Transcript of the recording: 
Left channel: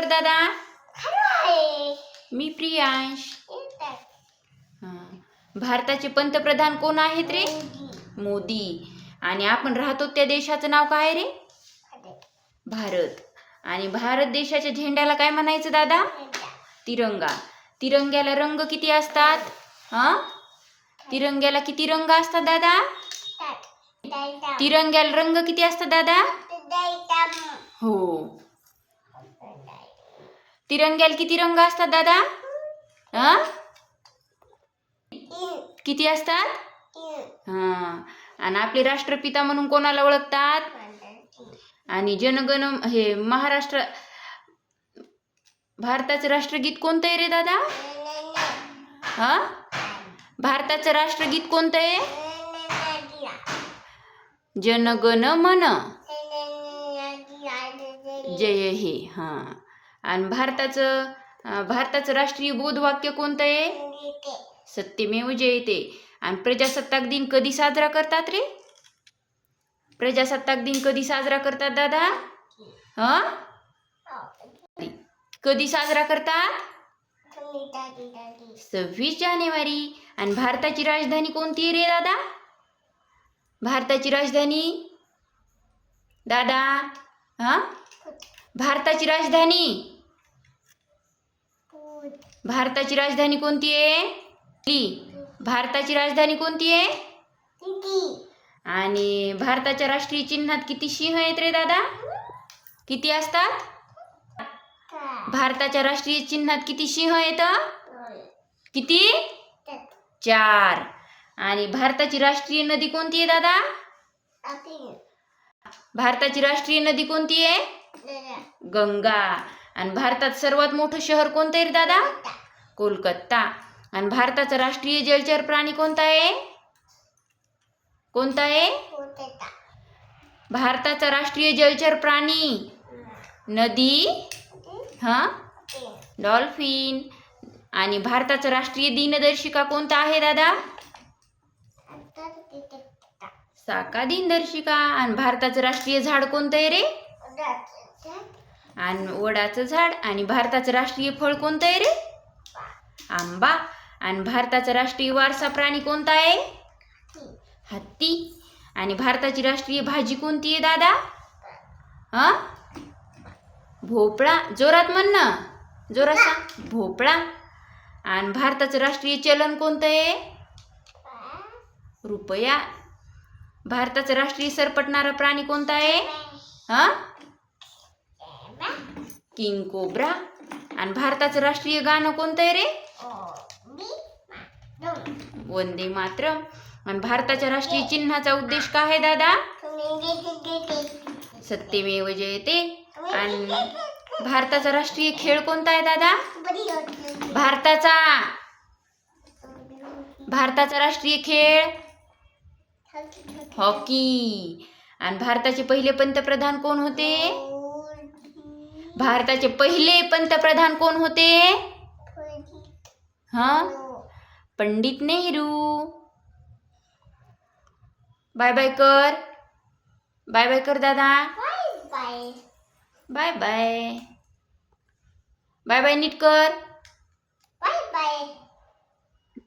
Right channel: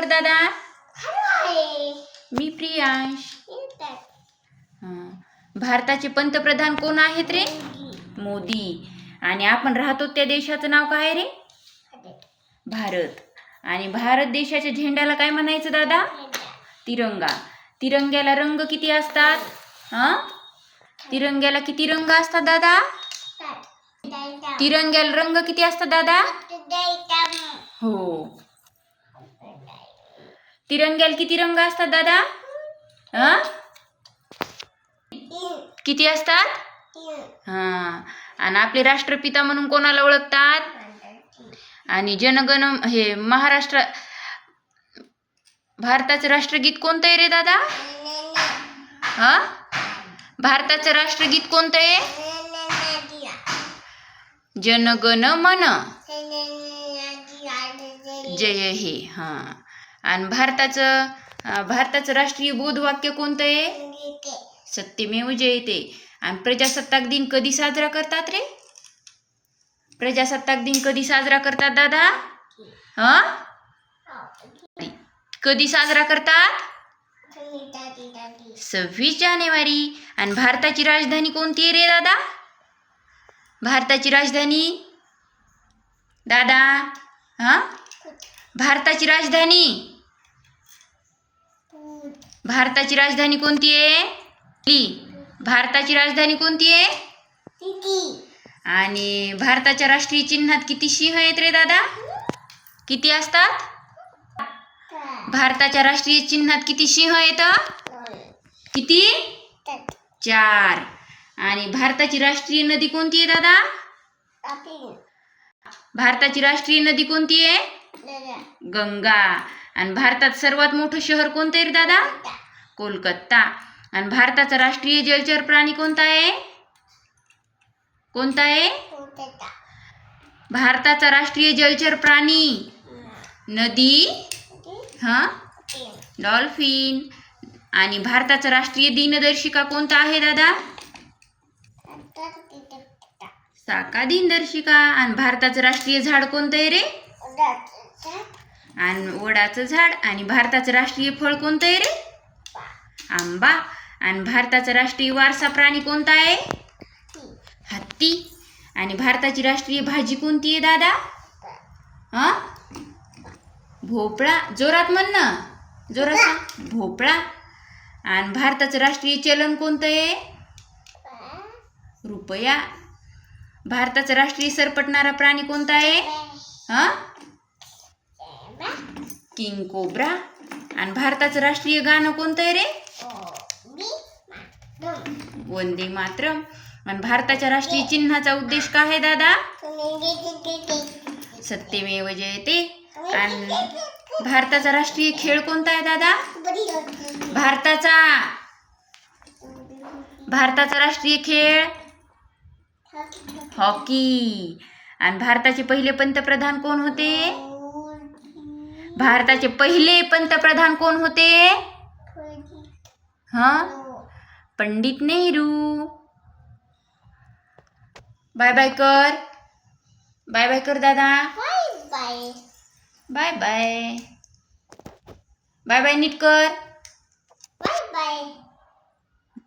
कर दादा. मी प्रियांश. भारताचे पंतप्रधान कोण आहेत रे? मोदी. आणि आपण राहतो त्या देशाचं नाव काय रे? भारत. आणि भारत देशाच्या झेंड्याला काय म्हणायचं दादा? तिरंगा. तिरंग्याला रंग किती असतात? तिरंग्याला किती रंग असतात दादा? तिरंग्याला रंग किती असतात दादा? हो. तिरंग्याला किती रंग असतात दादा? किती असतात? आणि आपले राष्ट्रपिता म्हणून कोणाला ओळखतात? आणि जनगण हे महाराष्ट्र भारताचं राष्ट्रगीत कोणतं आहे रे दादा? भारताचं राष्ट्रगीत कोणतं आहे? जनगण मन जय हे. आणि भारताचं राष्ट्रीय बोधवाक्य कोणतं आहे? सत्यमेव जयते. आणि प्रजासत्ताक दिन कधी साजरा करतात रे? प्रजासत्ताक दिन कधी साजरा करतात दादा? कधी साजरा करतात? 26 जानेवारी. आणि भारताची राजधानी कोणती आहे रे दादा? भारताची राजधानी दादा? भारताची राजधानी कोणती आहे? भारताची राजधानी कोणती आहे? आणि भारताच्या राष्ट्रीय चिन्हात किती सिंह आहेत रे दादा? किती असतात? भारताच्या राष्ट्रीय चिन्हात किती सिंह आहेत? किती? 4. आणि भारताची राष्ट्रीय नदी कोणती आहे दादा? भारताची राष्ट्रीय नदी कोणती आहे? गंगा. आणि भारतात सर्वात मोठं शहर कोणतं आहे रे दादा? कोलकाता. आणि भारताचा राष्ट्रीय जलचर प्राणी कोणता आहे? कोणता आहे? भारताचा राष्ट्रीय जलचर प्राणी नदी डॉल्फिन. आणि भारताचा राष्ट्रीय दिनदर्शिका कोणता आहे दादा? साका दिनदर्शिका. आणि भारताचं राष्ट्रीय झाड कोणतं आहे रे? आणि वडाचं झाड. आणि भारताचं राष्ट्रीय फळ कोणतं आहे रे? आंबा. आणि भारताचा राष्ट्रीय वारसा प्राणी कोणता आहे? हत्ती. आणि भारताची राष्ट्रीय भाजी कोणती आहे दादा? भोपळा. जोरात म्हण ना, जोरात सांग. भोपळा. आणि भारताचं राष्ट्रीय चलन कोणतं आहे? रुपया. भारताचा राष्ट्रीय सरपटणारा प्राणी कोणता आहे? King cobra. आणि भारताचं राष्ट्रीय गाणं कोणतं आहे रे? वंदे मातरम. आणि भारताच्या राष्ट्रीय चिन्हाचा उद्देश काय आहे दादा? सत्यमेव जयते. आणि भारताचा राष्ट्रीय खेळ कोणता आहे दादा? भारताचा राष्ट्रीय खेळ हॉकी. आणि भारताचे पहिले पंतप्रधान कोण होते? भारताचे पहिले पंतप्रधान कोण होते? पंडित नेहरू. बाय बाय कर. बाय बाय कर दादा. Bye bye. बाय बाय नीट कर. Bye bye.